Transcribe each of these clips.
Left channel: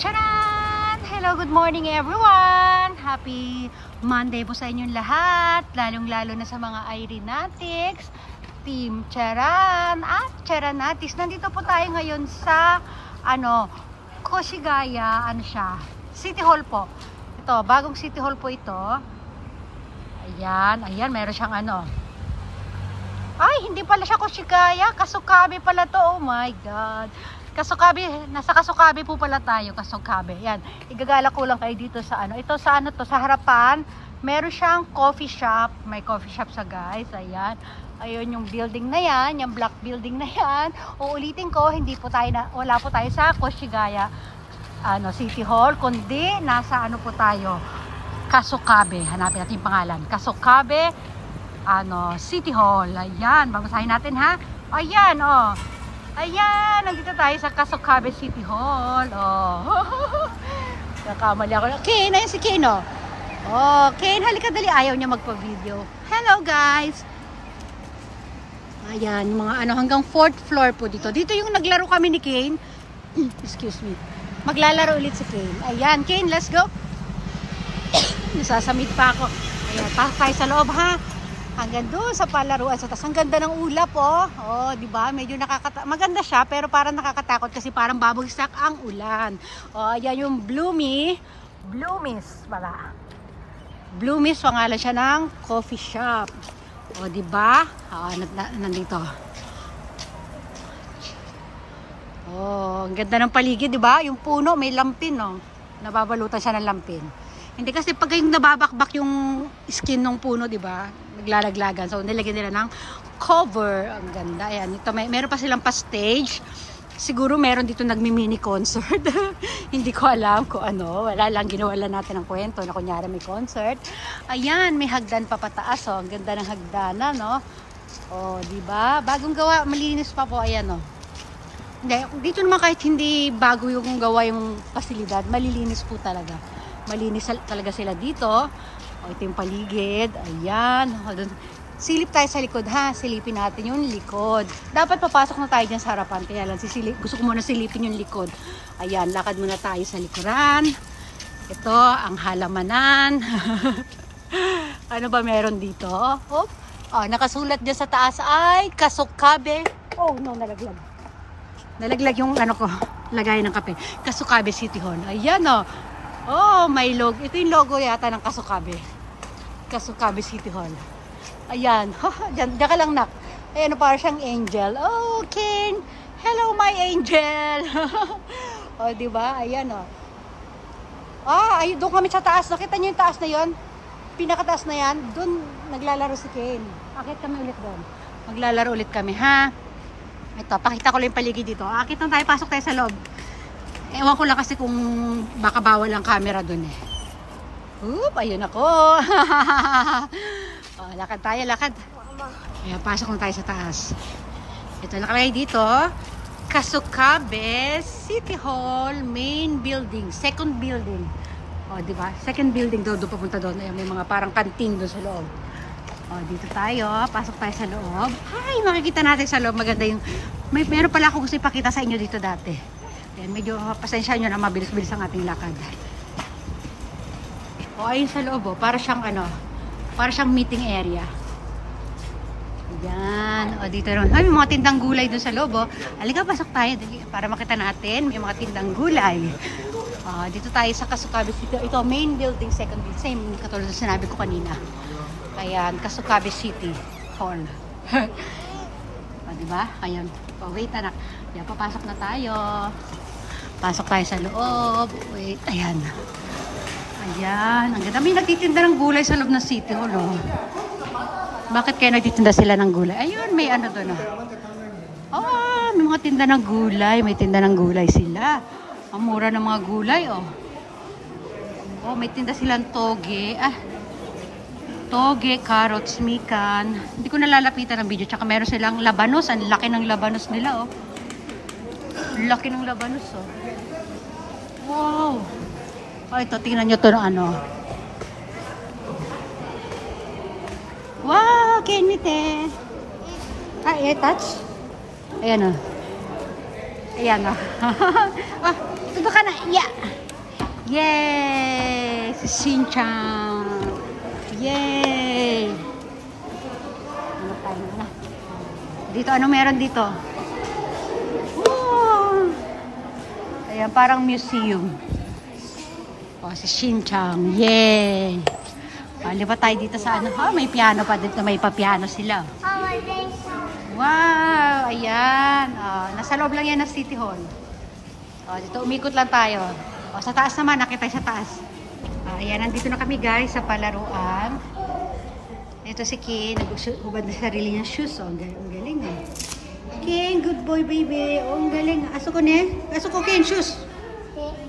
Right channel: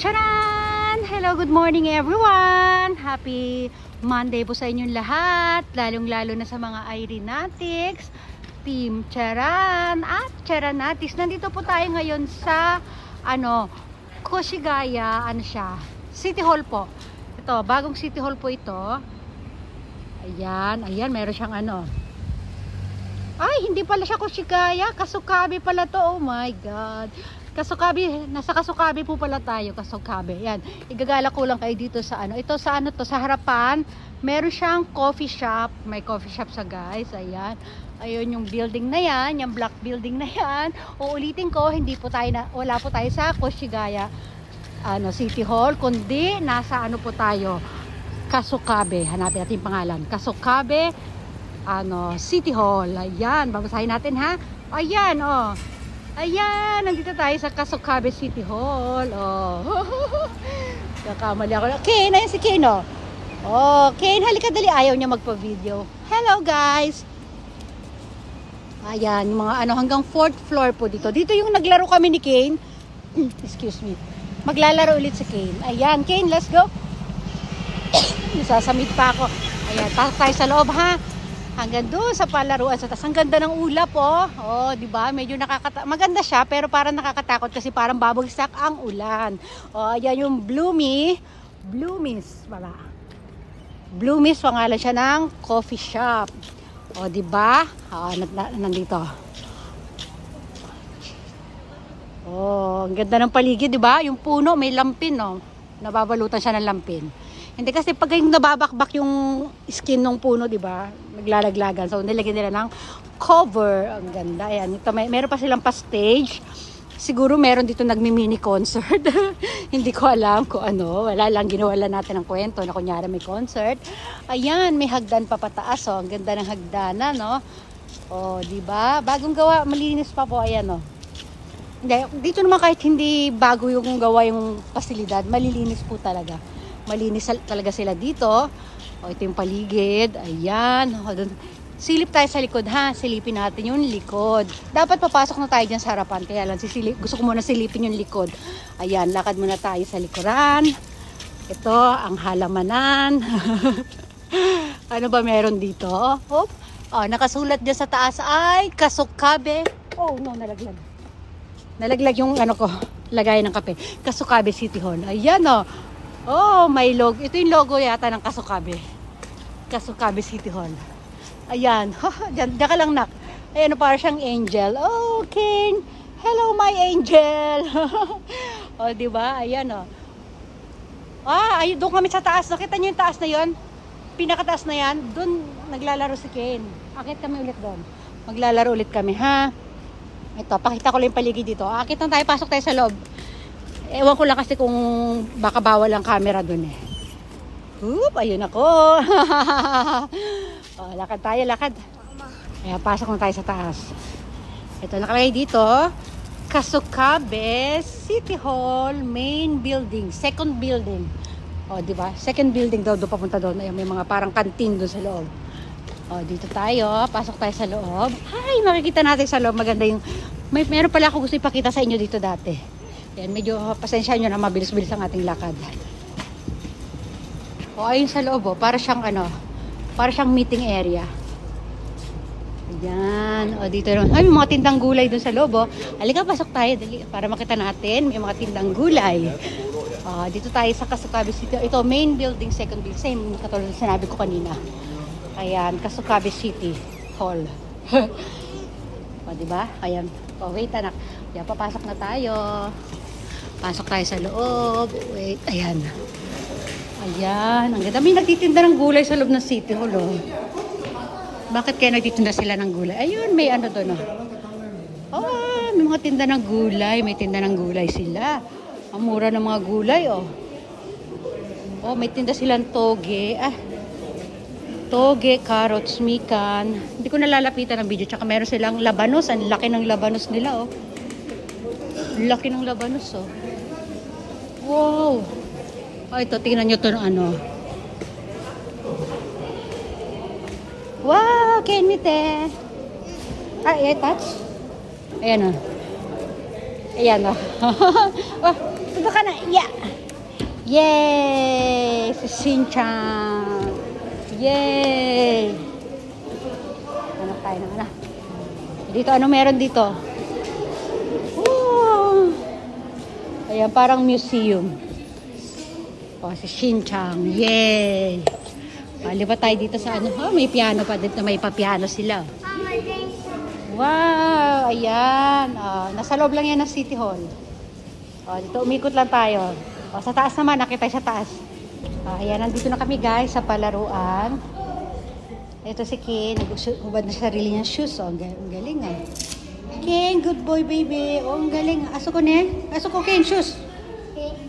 Charan! Hello, good morning everyone! Happy Monday po sa inyong lahat, lalong-lalo na sa mga aeronautics, Team Charan at Charanatics. Nandito po tayo ngayon sa Koshigaya, City Hall po. Ito, bagong City Hall po ito. Ayan, meron siyang Ay, hindi pala siya Koshigaya, Kasukabe pala to. Oh my God. Kasukabe, nasa Kasukabe po pala tayo, Kasukabe. Yan, igagala ko lang kayo dito sa ito sa sa harapan, meron siyang coffee shop. May coffee shop sa guys, ayan. Ayun yung building na yan, yung black building na yan. Uulitin ko, wala po tayo sa Koshigaya City Hall, kundi nasa po tayo, Kasukabe. Hanapin natin yung pangalan, Kasukabe City Hall. Ayan, babasahin natin ha. Ayan, ayan, nandito tayo sa Kasukabe City Hall. Nakamali ako. Ken, ayun si Ken, Ken, halika dali. Ayaw niya magpa-video. Hello guys. Ayan, mga hanggang 4th floor po dito. Dito yung naglaro kami ni Ken. Excuse me. Maglalaro ulit si Ken. Ayan, Ken, let's go. Nasasamid pa ako. Ayan, pasok tayo sa loob ha. Hanggang doon sa palaruan sa taas. Ang ganda ng ulap di ba? Medyo maganda siya pero parang nakakatakot kasi parang babagsak ang ulan. Ayan yung Bloomies pala. Bloomies, pangalan siya ng coffee shop. Di ba? Nandito. Ang ganda ng paligid, di ba? Yung puno may lampin, nababalutan siya ng lampin. Hindi kasi pag yung nababakbak yung skin ng puno, di ba? Naglalaglagan. So nilagyan nila ng cover. Ang ganda. Ayan, ito meron pa silang pa-stage. Siguro meron dito nagmi-mini concert. Hindi ko alam kung wala lang, ginawa lang natin ng kwento na kunyari may concert. Ayan, may hagdan pa pataas. Ang ganda ng hagdanan, di ba? Bagong gawa, malinis pa po. Ayan, Dito naman kahit hindi bago yung gawa yung pasilidad, malilinis po talaga. Malinis talaga sila dito. Ito yung paligid. Ayan. Silip tayo sa likod ha. Silipin natin yung likod. Dapat papasok na tayo dyan sa harapan. Kaya lang gusto ko muna silipin yung likod. Ayan. Lakad muna tayo sa likuran. Ito ang halamanan. Ano ba meron dito? Nakasulat dyan sa taas ay Kasukabe. Nalaglag. Nalaglag yung lagay ng kape. Kasukabe City Hall. Ayan may logo. Ito yung logo yata ng Kasukabe. Kasukabe City Hall. Ayan. Ganda ka lang, nak. Ayan, parang siyang angel. Okay. Hello, my angel. Diba? Ayan, ayun, doon kami sa taas. Nakita niyo yung taas na yon? Pinakataas na yan. Doon naglalaro si Ken. Akit kami ulit doon. Maglalaro ulit kami, ha? Ito, pakita ko lang yung paligid dito. Akit lang tayo, pasok tayo sa loob. Ewan ko lang kasi kung baka bawal ang camera dun ayun ako. Lakad tayo, lakad. Ayan, pasok na tayo sa taas. Ito nakalagay dito, Kasukabe City Hall Main Building, second building. Diba? Second building daw, doon papunta doon. Ayan, may mga parang kantin doon sa loob. Dito tayo, pasok tayo sa loob. Ay, makikita natin sa loob. Maganda yung, meron pala ako gusto ipakita sa inyo dito dati. Ayan, medyo pasensya nyo na mabilis-bilis ang ating lakad. Ayun sa loob, para siyang para siyang meeting area. Ayan, dito naman. May mga tindang gulay doon sa loob, Halika, pasok tayo para makita natin yung mga tindang gulay. Dito tayo sa Kasukabe City. Ito, main building, second building. Same, katulad na sinabi ko kanina. Ayan, Kasukabe City Hall. Diba? Ayan. Wait na. Ayan, papasok na tayo. Pasok tayo sa loob. Wait, ayan. Ayan. Ang ganda. May nagtitinda ng gulay sa loob ng City Hall, Bakit kaya nagtitinda sila ng gulay? Ayun, may doon mga tinda ng gulay. May tinda ng gulay sila. Ang mura ng mga gulay, may tinda silang toge. Toge, carrots, mikan. Hindi ko nalalapitan ng video. Tsaka meron silang labanos. Ang laki ng labanos nila, Laki ng labanos, Wow. Ito, tingnan nyo ito ng Wow, Kenite. Touch? Ayan, Ayan, Let's go ka na. Yeah. Yay! Si Shin-chan. Yay! Ano tayo na? Dito, ano meron dito? Woo! Ayan, parang museum. O, si Shin-chan. Yay! Hindi pa tayo dito sa ano? Ha, may piano pa dito. May pa-piano sila. Wow! Ayan. Nasa loob lang yan ng City Hall. Dito, umikot lang tayo. Sa taas naman, nakita sa taas. Ayan, nandito na kami guys sa palaruan. Ito si Ken, hubad na sarili niyang shoes. Ang galing ah. Ken, good boy baby. Ang galing. Aso ko ne? Aso ko Ken, shoes.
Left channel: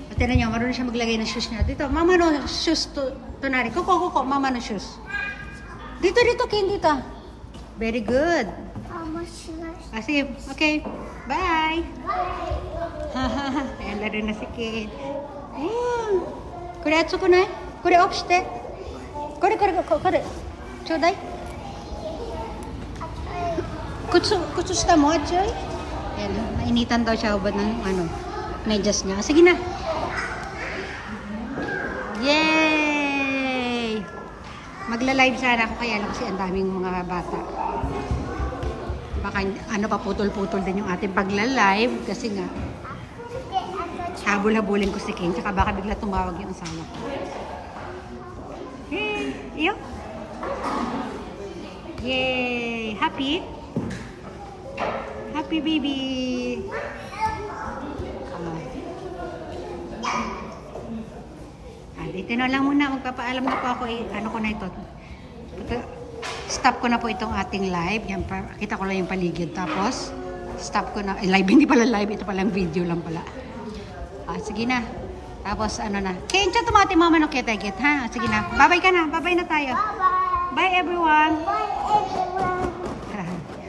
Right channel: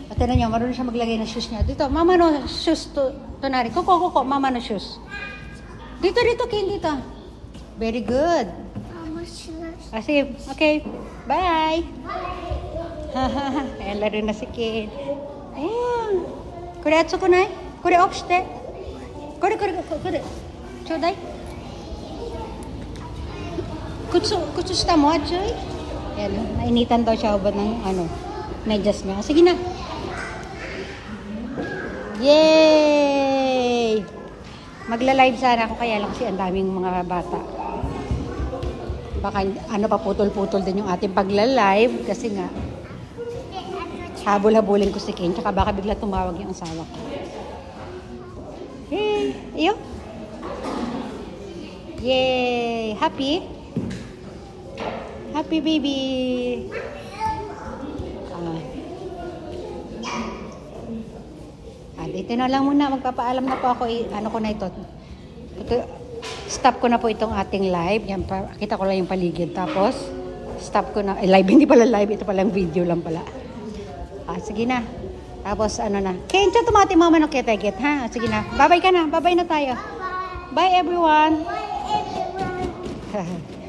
At tinan niyo, marunong siya maglagay ng shoes niya. Dito, mama no shoes to nari. Kuko, mama no shoes. Dito, Ken, dito. Very good. Sige, okay. Bye. Bye. Laro na si Ken. Kore atsuko ne? Kore off shite. Kore. Chodai. Kutsu shita mo, Choy? Ayan, nainitan daw siya ubad ng medyas niya. Sige na. Yay! Magla-live sana ako kaya lang kasi ang daming mga bata. Baka paputol-putol din yung ating pagla-live kasi nga habol-habulin ko si Ken, tsaka baka bigla tumawag yung asawa ko. Hey, iyo. Yay! Happy? Happy baby! Dito na lang muna, magpapaalam na po ako, ano ko na ito. Stop ko na po itong ating live. Yan, kita ko lang yung paligid. Tapos, stop ko na. Live, hindi pala live. Ito palang video lang pala. Sige na. Tapos, Ken, tumati mama ng keteget, ha? Sige na. Bye-bye ka na. Bye-bye na tayo. Bye, everyone. Bye, everyone.